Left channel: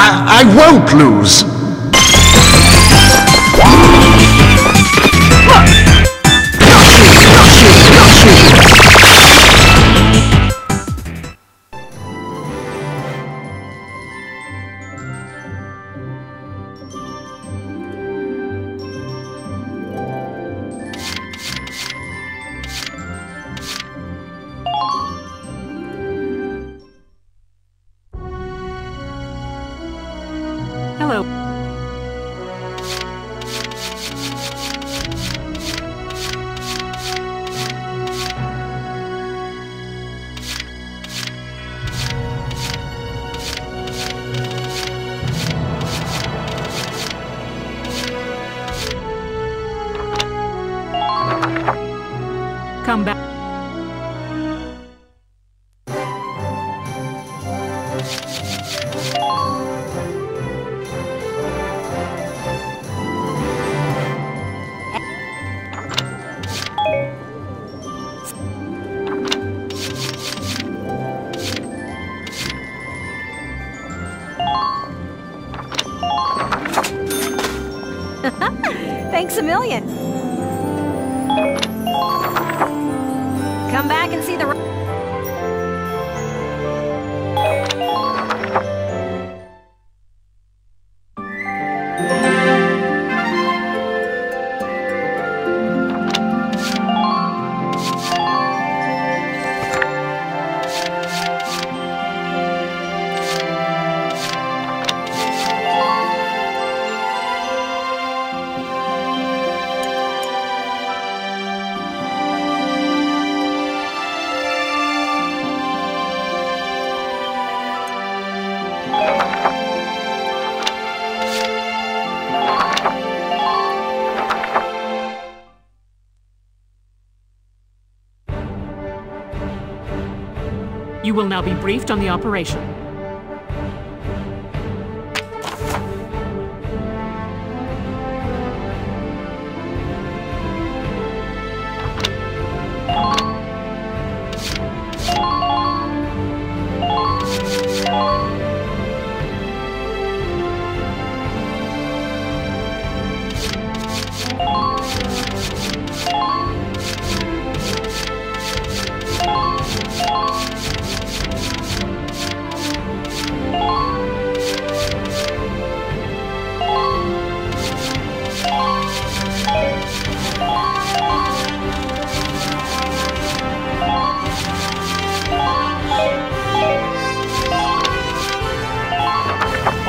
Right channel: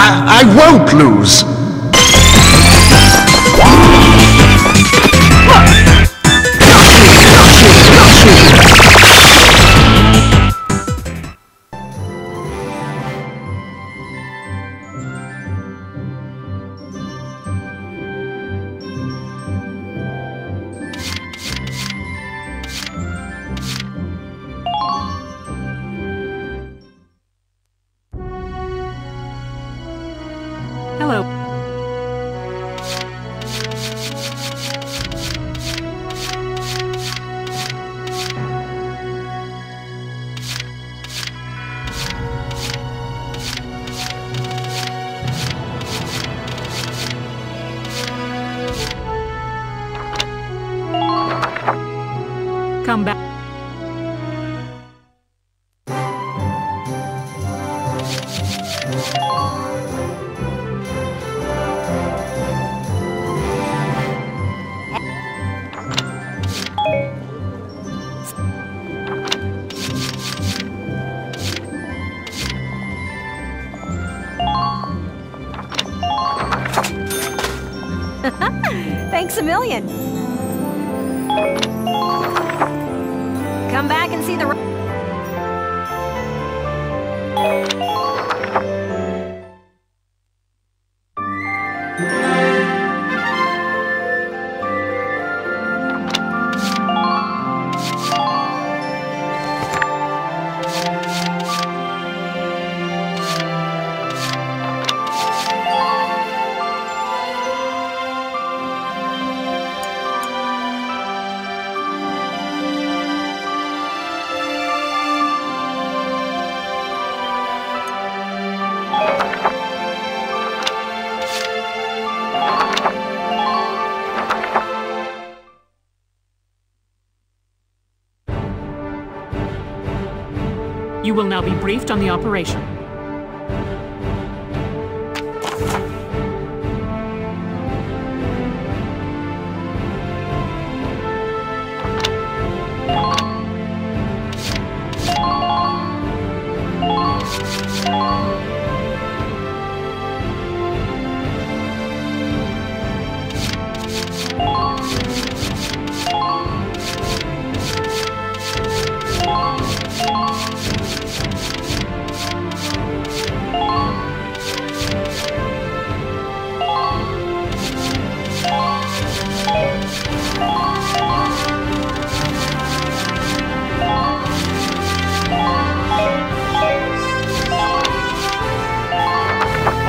I won't lose. Hello. Come back. Thanks a million. Come back and see the... You will now be briefed on the operation.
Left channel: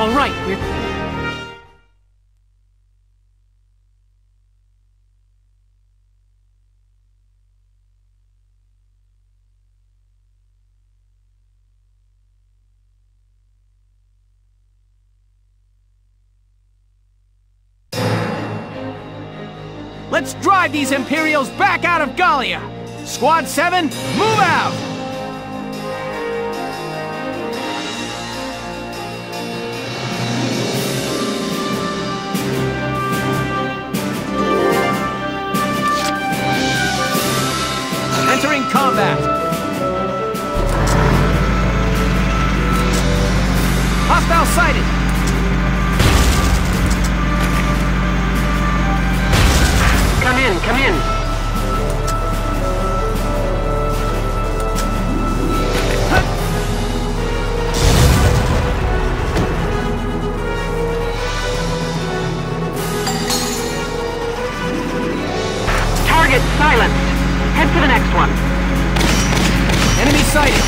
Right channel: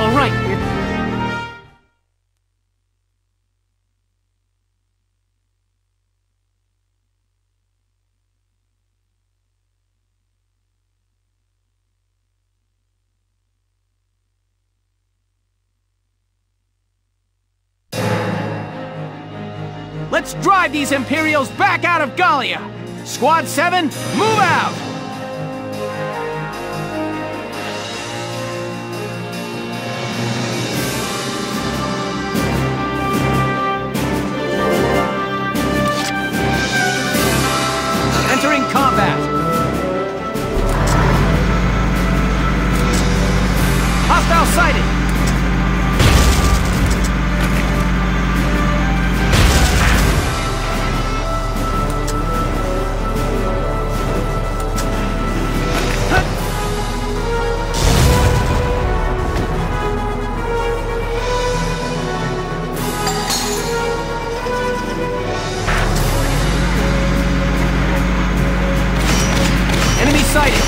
All right, Let's drive these Imperials back out of Gallia! Squad 7, move out! Entering combat! Hostile sighted! Come in! Target silent! Head to the next one! Enemy sighted!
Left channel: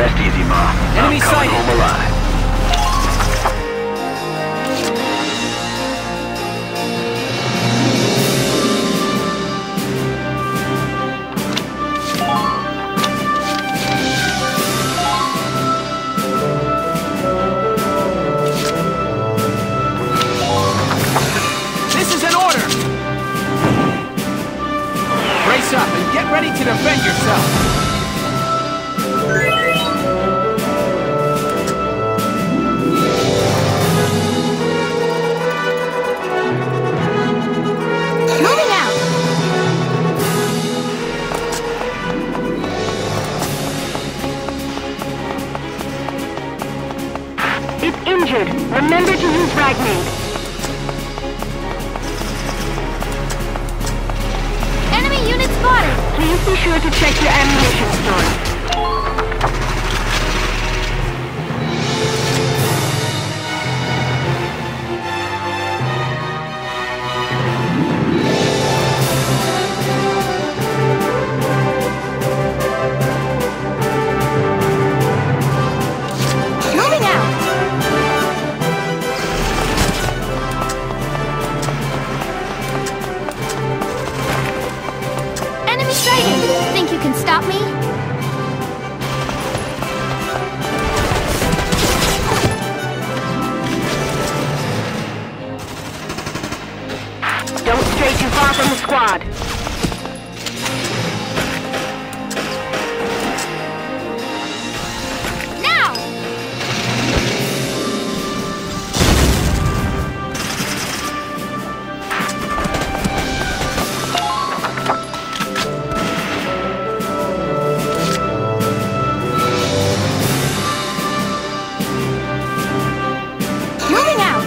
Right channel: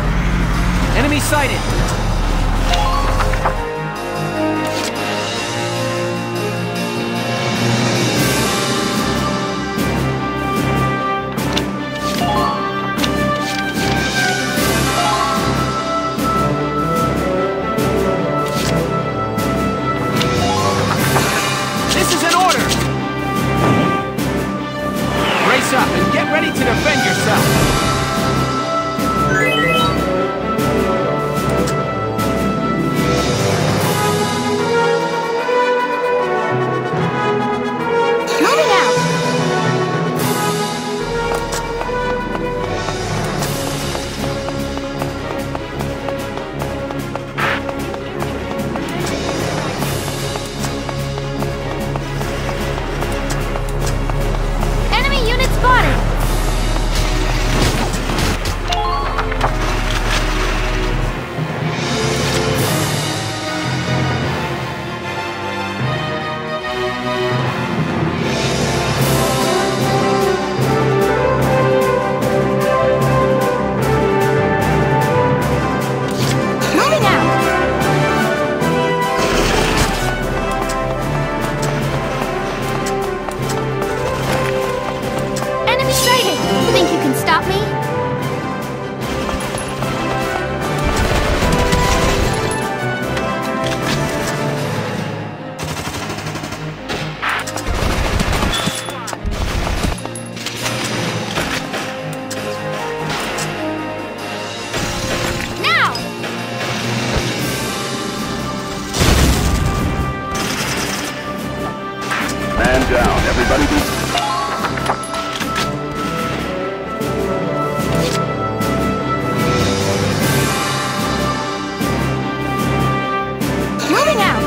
Rest easy, Mom. Enemy I'm coming sighted. home alive. This is an order! Brace up and get ready to defend yourself. Moving out! It's injured. Remember to use fragments. Enemy unit spotted! Please be sure to check your ammunition store. Moving out! Enemy sighted! Think you can stop me? Don't stray too far from the squad. Now! Man down, everybody. Moving out!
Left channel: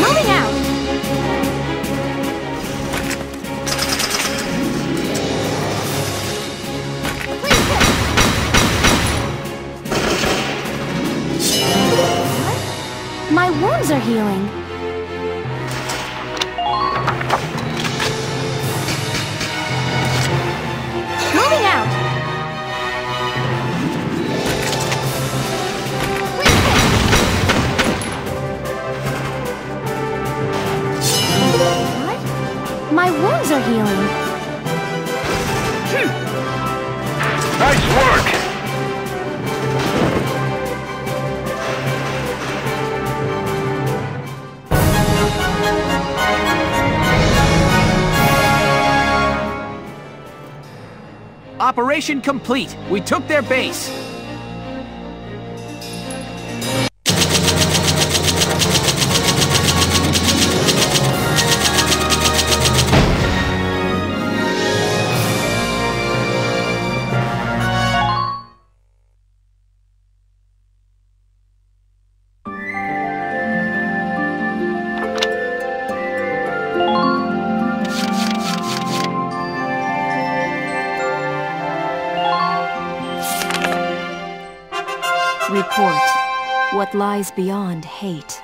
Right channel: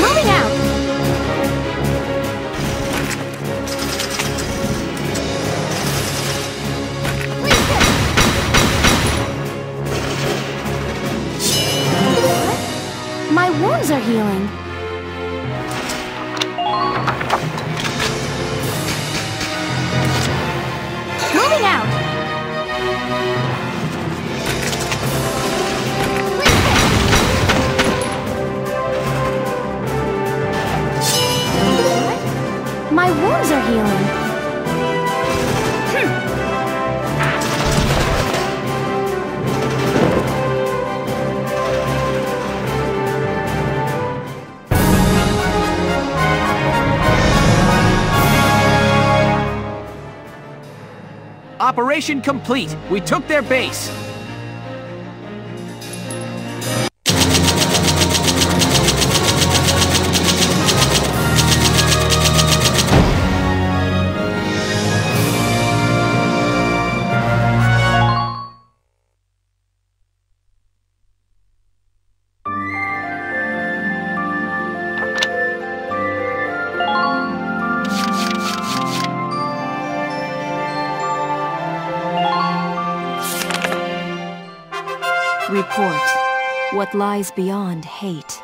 Moving out! Please hit! What? My wounds are healing. Moving out! Please hit! What? My wounds are healing. Nice work. Operation complete. We took their base. Report what lies beyond hate.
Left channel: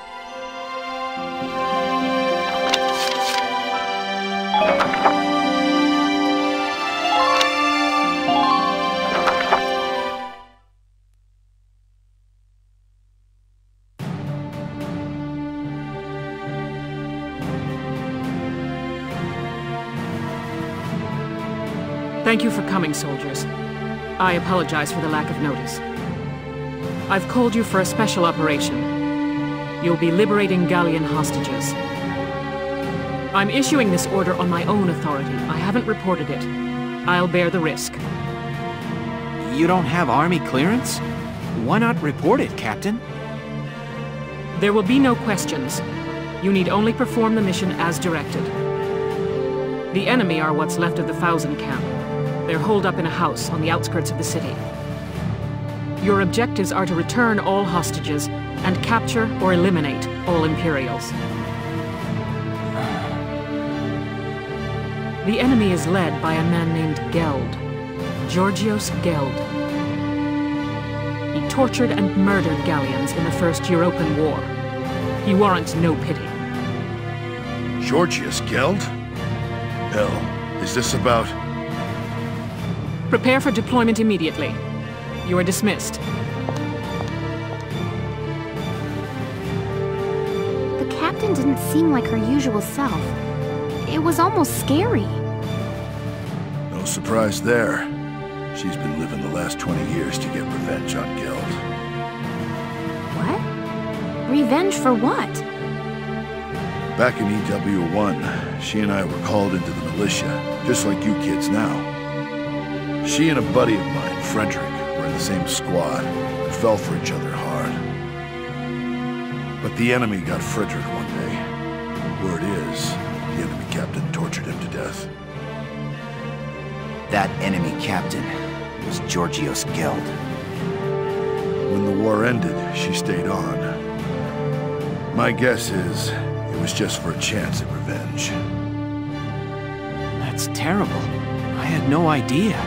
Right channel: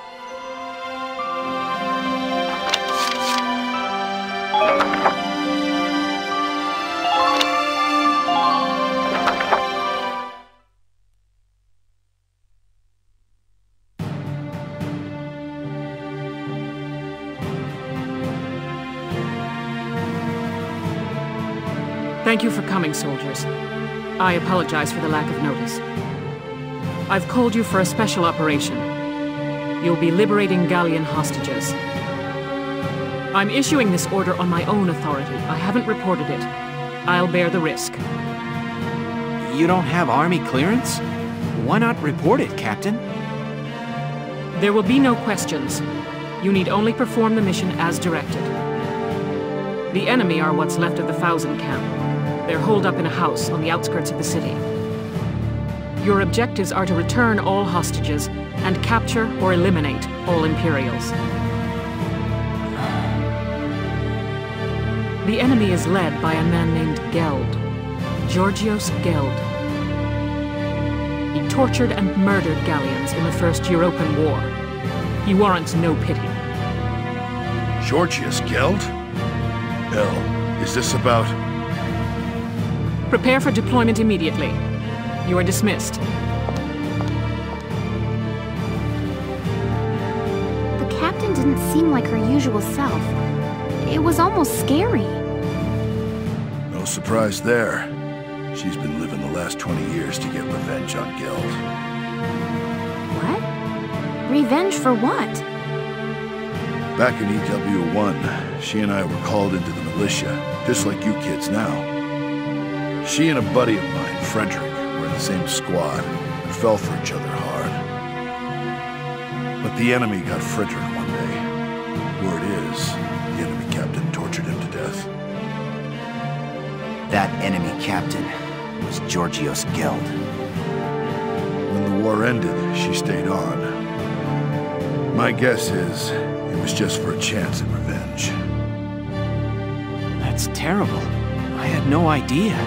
Thank you for coming, soldiers. I apologize for the lack of notice. I've called you for a special operation. You'll be liberating Gallian hostages. I'm issuing this order on my own authority. I haven't reported it. I'll bear the risk. You don't have army clearance? Why not report it, Captain? There will be no questions. You need only perform the mission as directed. The enemy are what's left of the Thousand Camp. They're holed up in a house on the outskirts of the city. Your objectives are to return all hostages and capture or eliminate all Imperials. The enemy is led by a man named Geld. Georgios Geld. He tortured and murdered Gallians in the First European War. He warrants no pity. Georgios Geld? Hell, is this about... Prepare for deployment immediately. You are dismissed. The captain didn't seem like her usual self. It was almost scary. No surprise there. She's been living the last 20 years to get revenge on Geld. What? Revenge for what? Back in EW1, she and I were called into the militia, just like you kids now. She and a buddy of mine, Frederick, were in the same squad and fell for each other hard. But the enemy got Frederick one day. Word is, the enemy captain tortured him to death. That enemy captain was Georgios Geld. When the war ended, she stayed on. My guess is, it was just for a chance at revenge. That's terrible. I had no idea.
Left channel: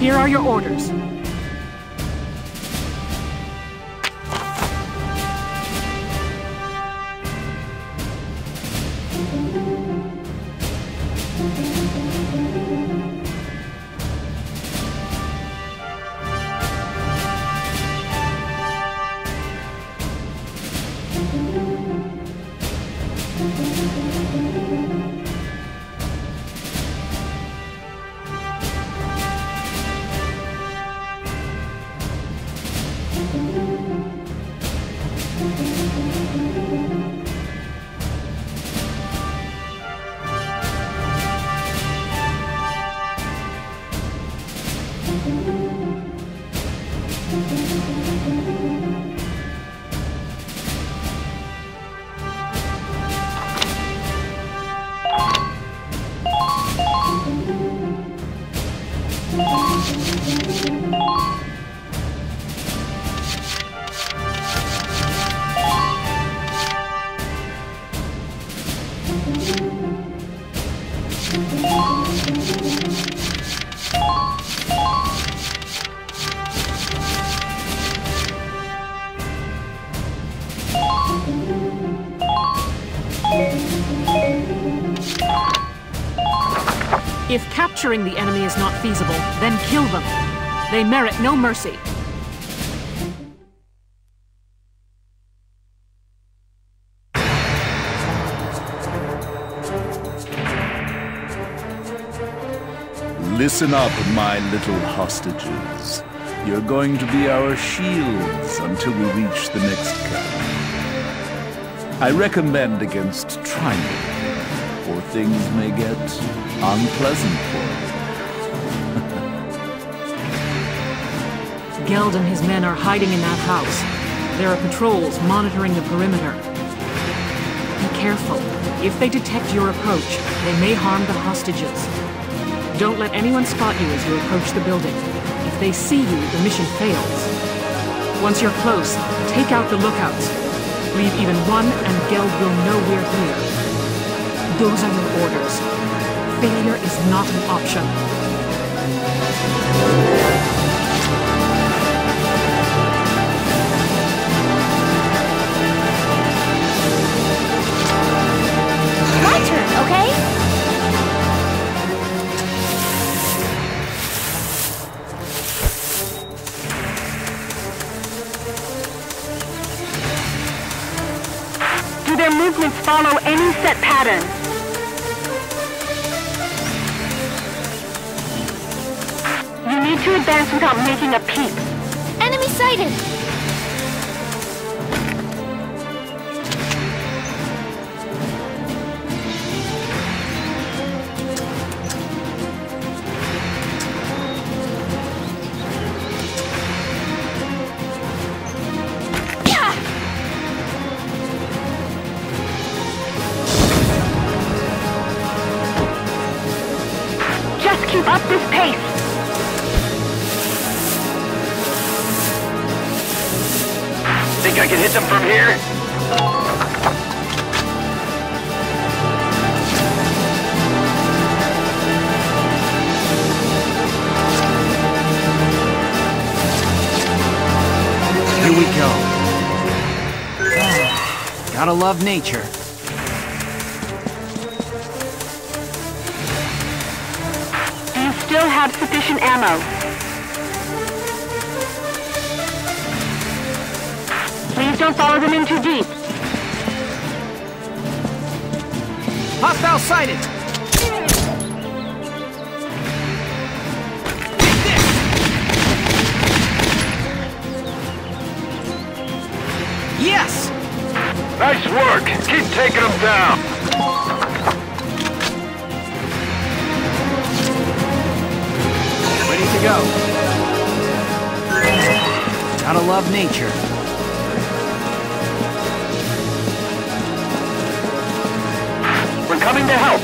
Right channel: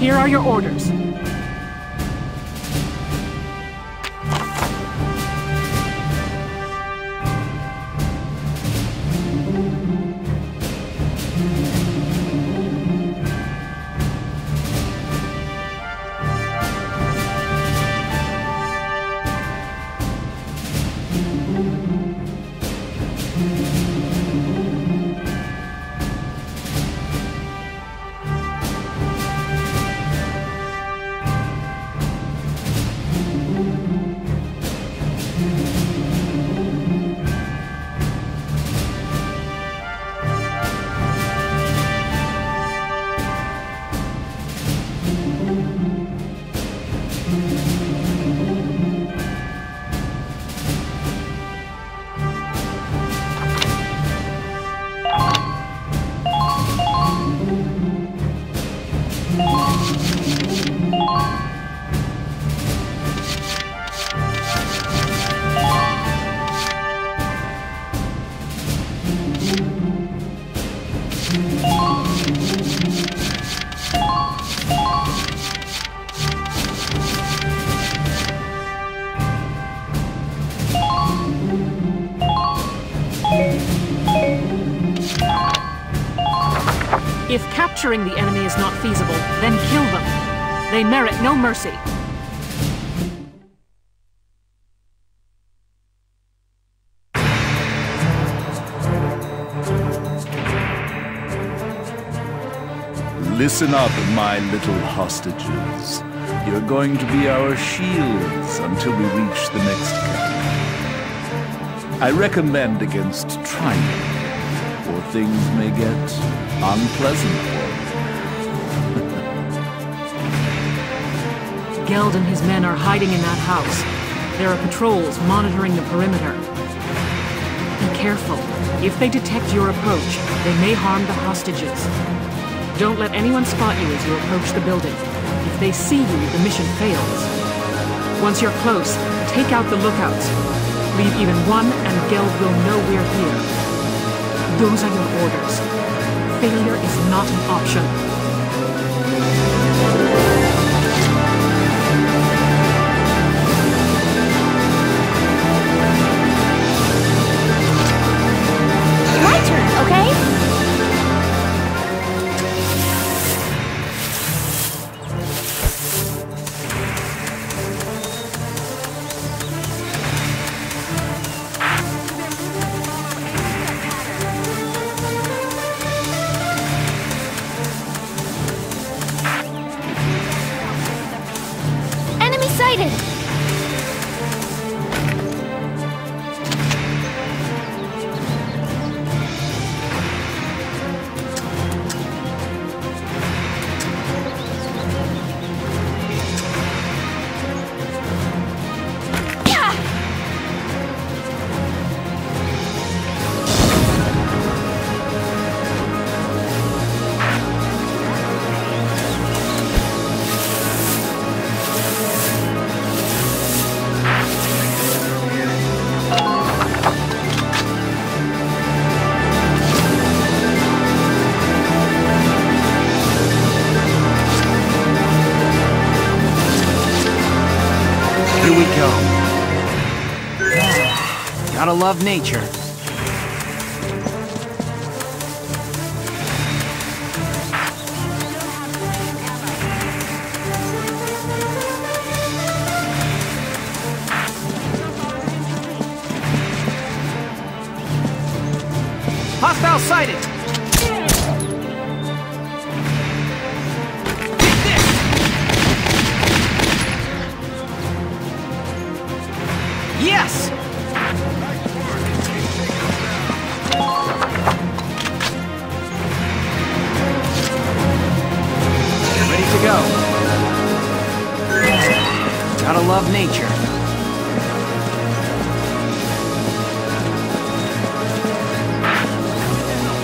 Here are your orders. If capturing the enemy is not feasible, then kill them. They merit no mercy. Listen up, my little hostages. You're going to be our shields until we reach the next camp. I recommend against trying it, or things may get unpleasant for you. Geld and his men are hiding in that house. There are patrols monitoring the perimeter. Be careful. If they detect your approach, they may harm the hostages. Don't let anyone spot you as you approach the building. If they see you, the mission fails. Once you're close, take out the lookouts. Leave even one, and Geld will know we're here. Those are your orders. Failure is not an option. My turn, okay? Do their movements follow any set pattern? You need to advance without making a peep. Enemy sighted! we go. Gotta love nature. Do you still have sufficient ammo? Please don't follow them in too deep. Hostile sighted! Yes! Nice work. Keep taking them down. Ready to go. Gotta love nature. We're coming to help.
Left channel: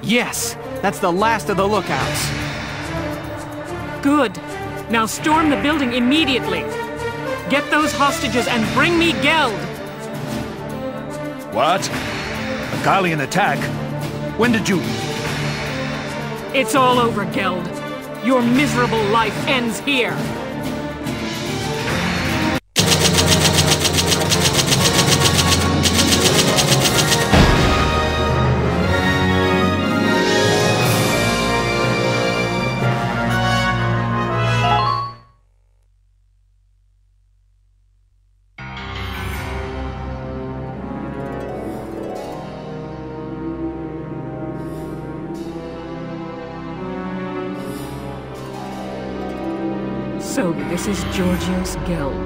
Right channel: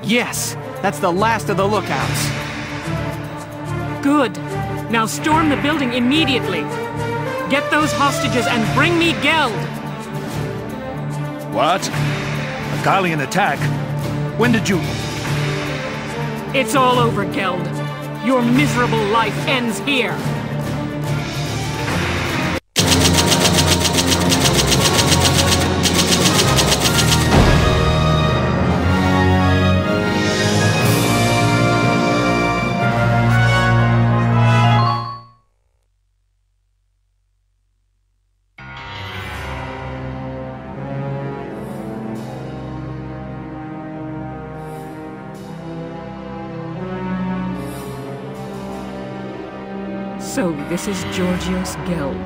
Yes, that's the last of the lookouts. Good. Now storm the building immediately. Get those hostages and bring me Geld. What? A Gallian attack? When did you... It's all over, Geld. Your miserable life ends here. So, this is Georgios Geld.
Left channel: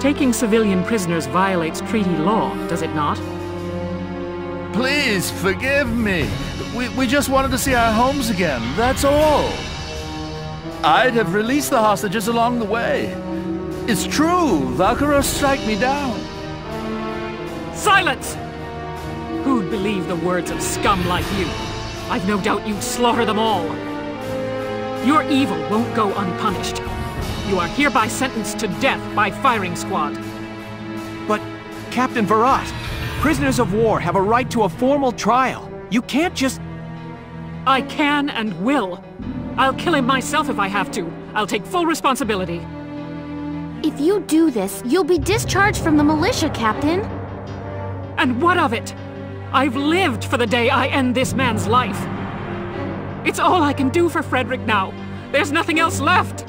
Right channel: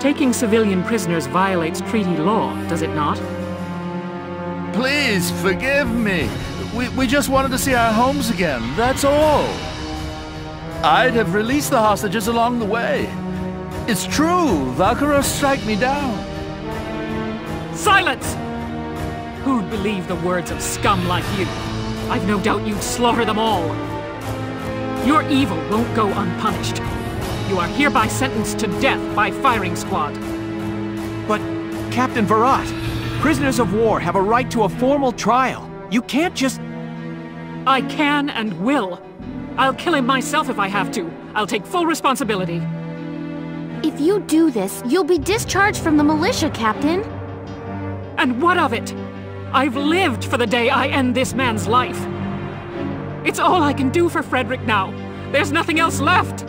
Taking civilian prisoners violates treaty law, does it not? Please, forgive me. We just wanted to see our homes again, that's all. I'd have released the hostages along the way. It's true, Valkyria strike me down. Silence! Who'd believe the words of scum like you? I've no doubt you'd slaughter them all. Your evil won't go unpunished. You are hereby sentenced to death by firing squad. But, Captain Virat, prisoners of war have a right to a formal trial. You can't just... I can and will. I'll kill him myself if I have to. I'll take full responsibility. If you do this, you'll be discharged from the militia, Captain. And what of it? I've lived for the day I end this man's life. It's all I can do for Frederick now. There's nothing else left.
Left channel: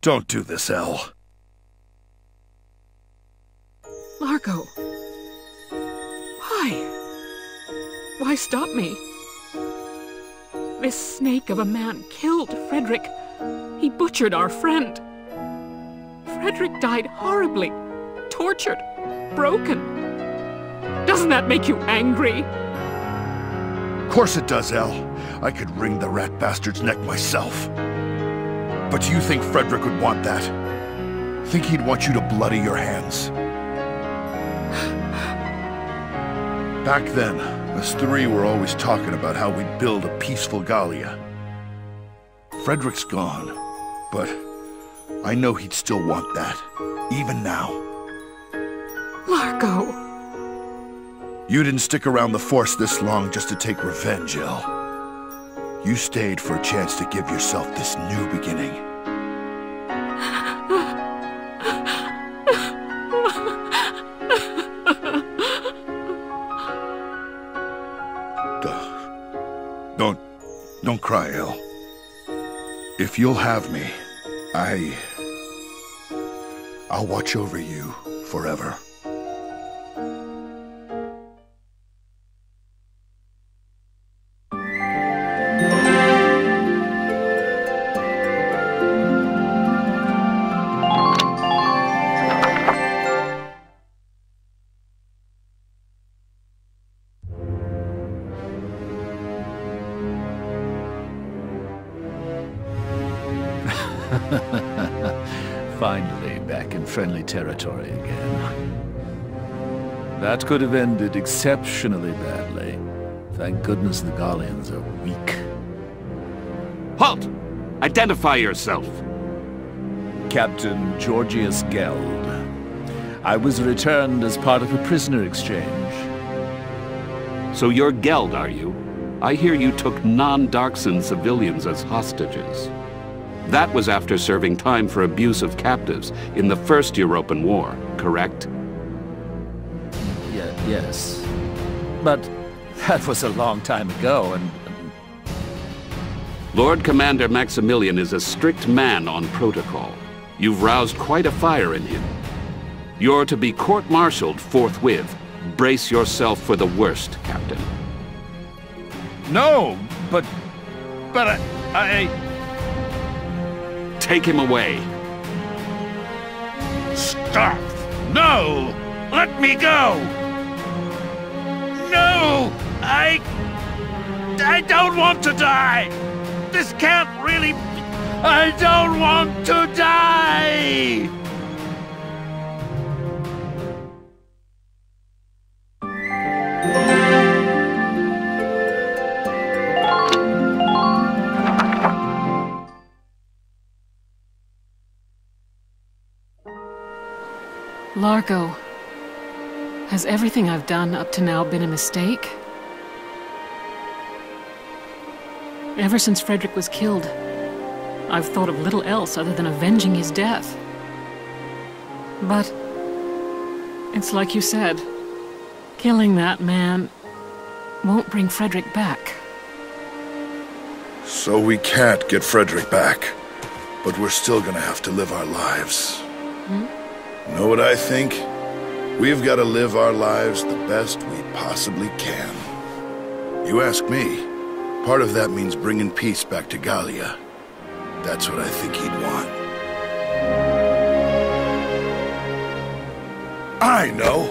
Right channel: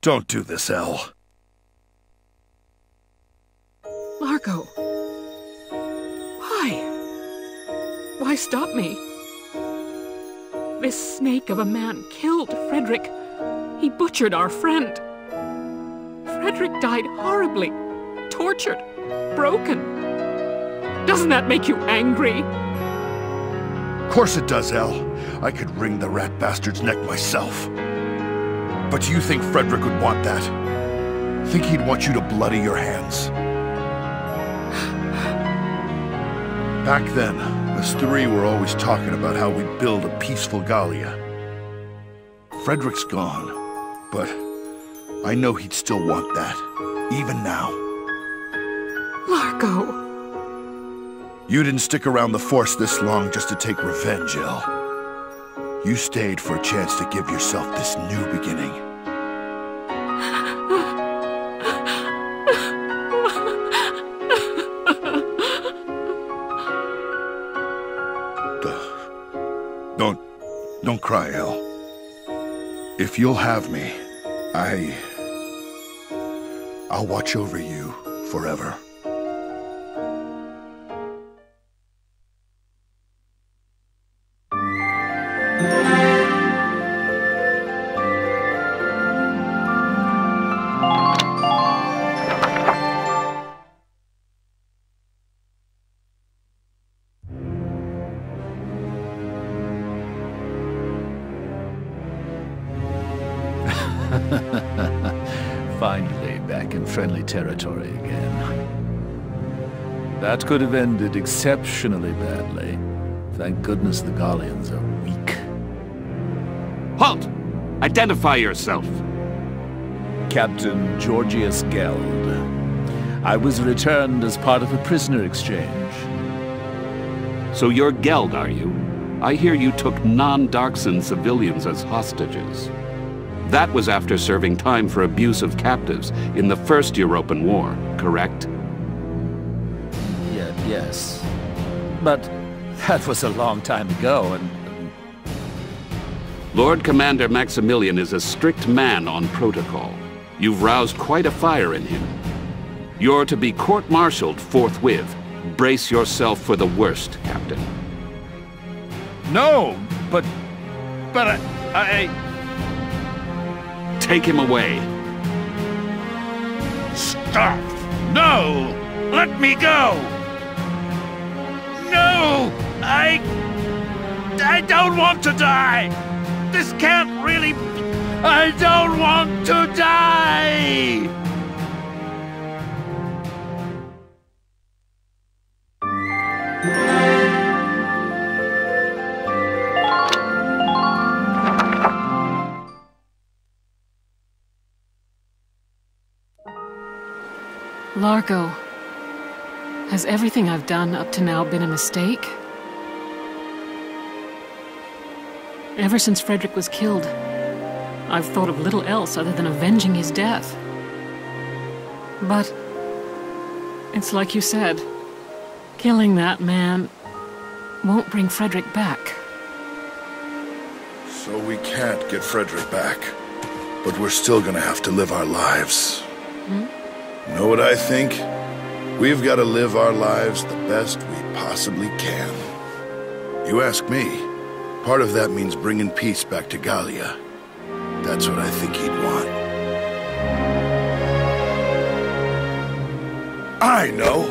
Don't do this, Elle. Largo. Why? Why stop me? This snake of a man killed Frederick. He butchered our friend. Frederick died horribly, tortured, broken. Doesn't that make you angry? Of course it does, Elle. I could wring the rat bastard's neck myself. But do you think Frederick would want that? Think he'd want you to bloody your hands? Back then, us three were always talking about how we'd build a peaceful Gallia. Frederick's gone, but I know he'd still want that, even now. Largo. You didn't stick around the Force this long just to take revenge, Elle. You stayed for a chance to give yourself this new beginning. Don't cry, Elle. If you'll have me, I'll watch over you forever. Finally, back in friendly territory again. That could have ended exceptionally badly. Thank goodness the Gallians are weak. Halt! Identify yourself. Captain Georgius Geld. I was returned as part of a prisoner exchange. So you're Geld, are you? I hear you took non-Darkson civilians as hostages. That was after serving time for abuse of captives in the First European War, correct? Yes. But that was a long time ago, and... Lord Commander Maximilian is a strict man on protocol. You've roused quite a fire in him. You're to be court-martialed forthwith. Brace yourself for the worst, Captain. No, but I... Take him away. Stop! No! Let me go! No! I don't want to die! This can't really... I don't want to die! Largo, has everything I've done up to now been a mistake? Ever since Frederick was killed, I've thought of little else other than avenging his death. But it's like you said, killing that man won't bring Frederick back. So we can't get Frederick back, but we're still gonna have to live our lives. Know what I think? We've got to live our lives the best we possibly can. You ask me, part of that means bringing peace back to Gallia. That's what I think he'd want. I know!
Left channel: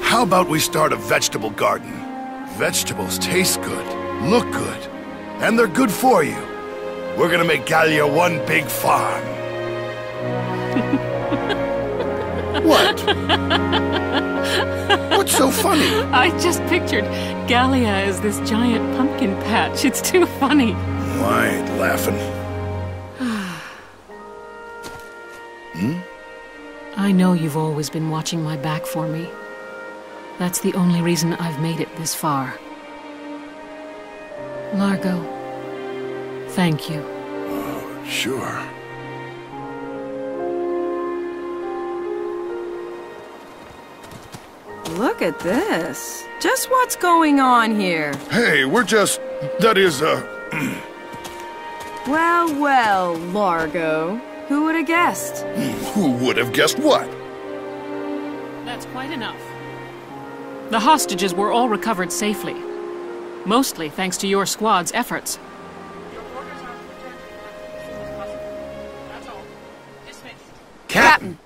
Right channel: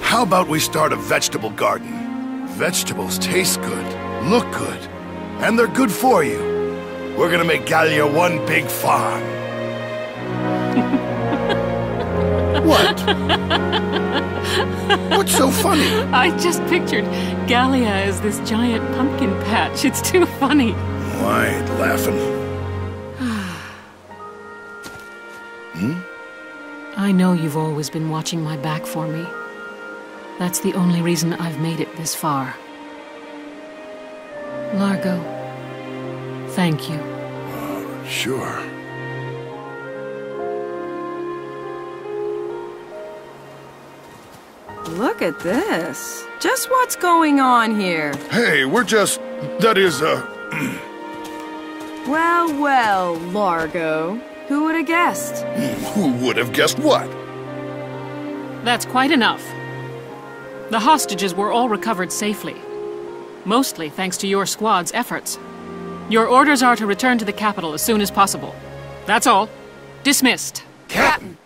How about we start a vegetable garden? Vegetables taste good, look good, and they're good for you. We're gonna make Gallia one big farm. What? What's so funny? I just pictured Gallia as this giant pumpkin patch. It's too funny. I ain't laughing. I know you've always been watching my back for me. That's the only reason I've made it this far. Largo, thank you. Sure. Look at this. Just what's going on here? Hey, we're just... that is, Well, well, Largo. Who would have guessed? Who would have guessed what? That's quite enough. The hostages were all recovered safely. Mostly thanks to your squad's efforts. Your orders are to return to the capital as soon as possible. That's all. Dismissed. Captain!